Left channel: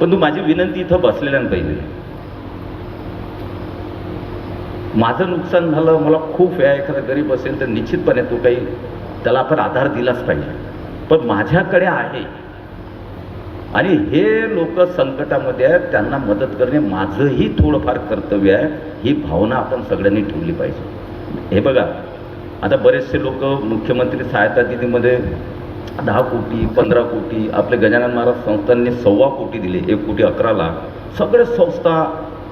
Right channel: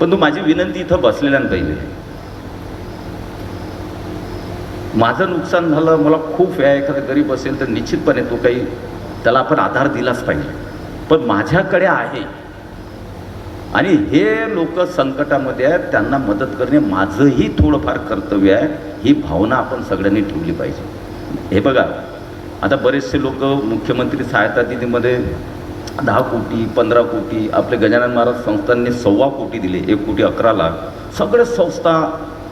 पण तू माझी विनंती इथं बसलेल्या पाहिजे. माझं नुकसान झालं मला खूप वेळा एखादा गरीब असेल तर निश्चितपणे तो काही त्याला आपण आधार दिलाच पाहिजे. पण माझ्याकडे आहे. आणि हे लोक संकटामध्ये आहेत त्यांना मदत करणे माझंही थोडंफार कर्तव्य आहे. ही भावना आपण सगळ्यांनी ठेवली पाहिजे. हे बघा आता बरेचसे लोक मुख्यमंत्री सहायता निधीमध्ये दहा कोटी पंधरा कोटी आपले गजानन महाराज संस्थांनी सव्वा कोटी दिले एक कोटी अकरा लाख सगळे संस्था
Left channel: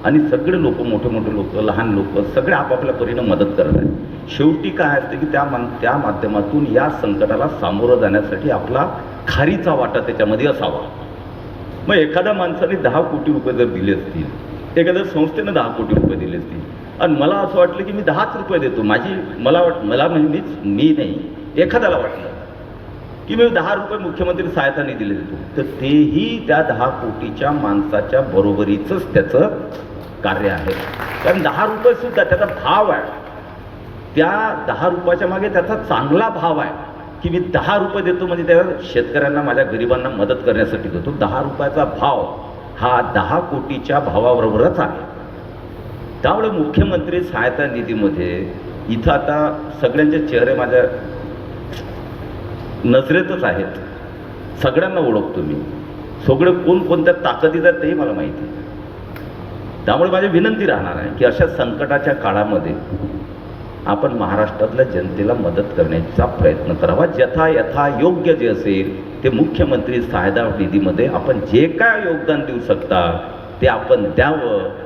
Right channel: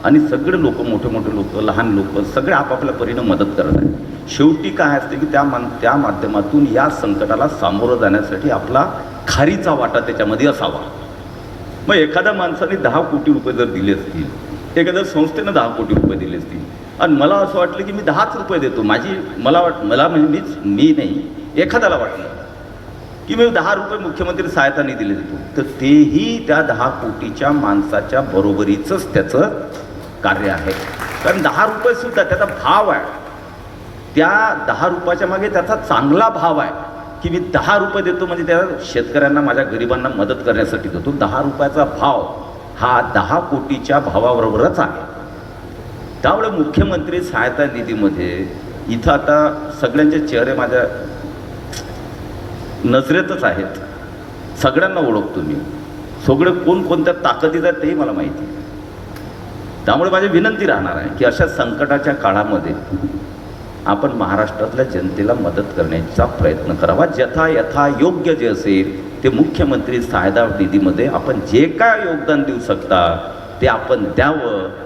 आणि सगळे लोक मोठे मोठे लोक लहान लोक सगळे आपापल्या परीनं मदत करत आहेत. शेवटी काय असते की त्या मान त्या माध्यमातून या संकटाला सामोरं जाण्यासाठी आपला खारीचा वाटा त्याच्यामध्ये असावा. मग एखाद्या माणसाने दहा कोटी रुपये जर दिले असतील एखाद्या संस्थेनं दहा कोटी रुपये दिले असतील आणि मला असं वाटलं की मी दहाच रुपये देतो माझी मला वाट मला म्हणजे मीच मी नाही एखाद्याला वाटलं. की मी दहा रुपये मुख्यमंत्री सहायता दिले होतो. तर तेही त्या दहा कोटीच्या माणसाच्या बरोबरीचंच त्याचं कार्य आहे. कारण दहा रुपये सुद्धा त्याचा भाव आहे. त्या दहा रुपयाच्या मागे त्याचा चांगला भाव आहे. की मी दहा रुपये देतो म्हणजे त्या शेतकऱ्यांना माझ्या गरिबांना मदत करण्यासाठी देतो. दहा रुपयाचा भाव हा दहा कोटीच्या भावाबरोबरच आहे. त्यामुळे मुख्यमंत्री सहायता निधीमध्ये इथं आता सगळ्यांचे चेहरे माझ्या नजरेतच आहेत. सगळ्यांना ओळखतो मी. सगळे कोणकोणत्या ताकदीत आहेत तेही मला माहिती आहे त्यामुळे माझी विनंती राहणार आहे की अशा संकटाच्या काळामध्ये आपण महाराष्ट्रातल्या जनतेला मदत करण्याचा प्रयत्न करावा. जथा यथा योग्य जे असेल ते मुख्यमंत्री सहायता निधीमध्ये आपण जे काय योगदान देऊ शकता ते आपण द्यावं.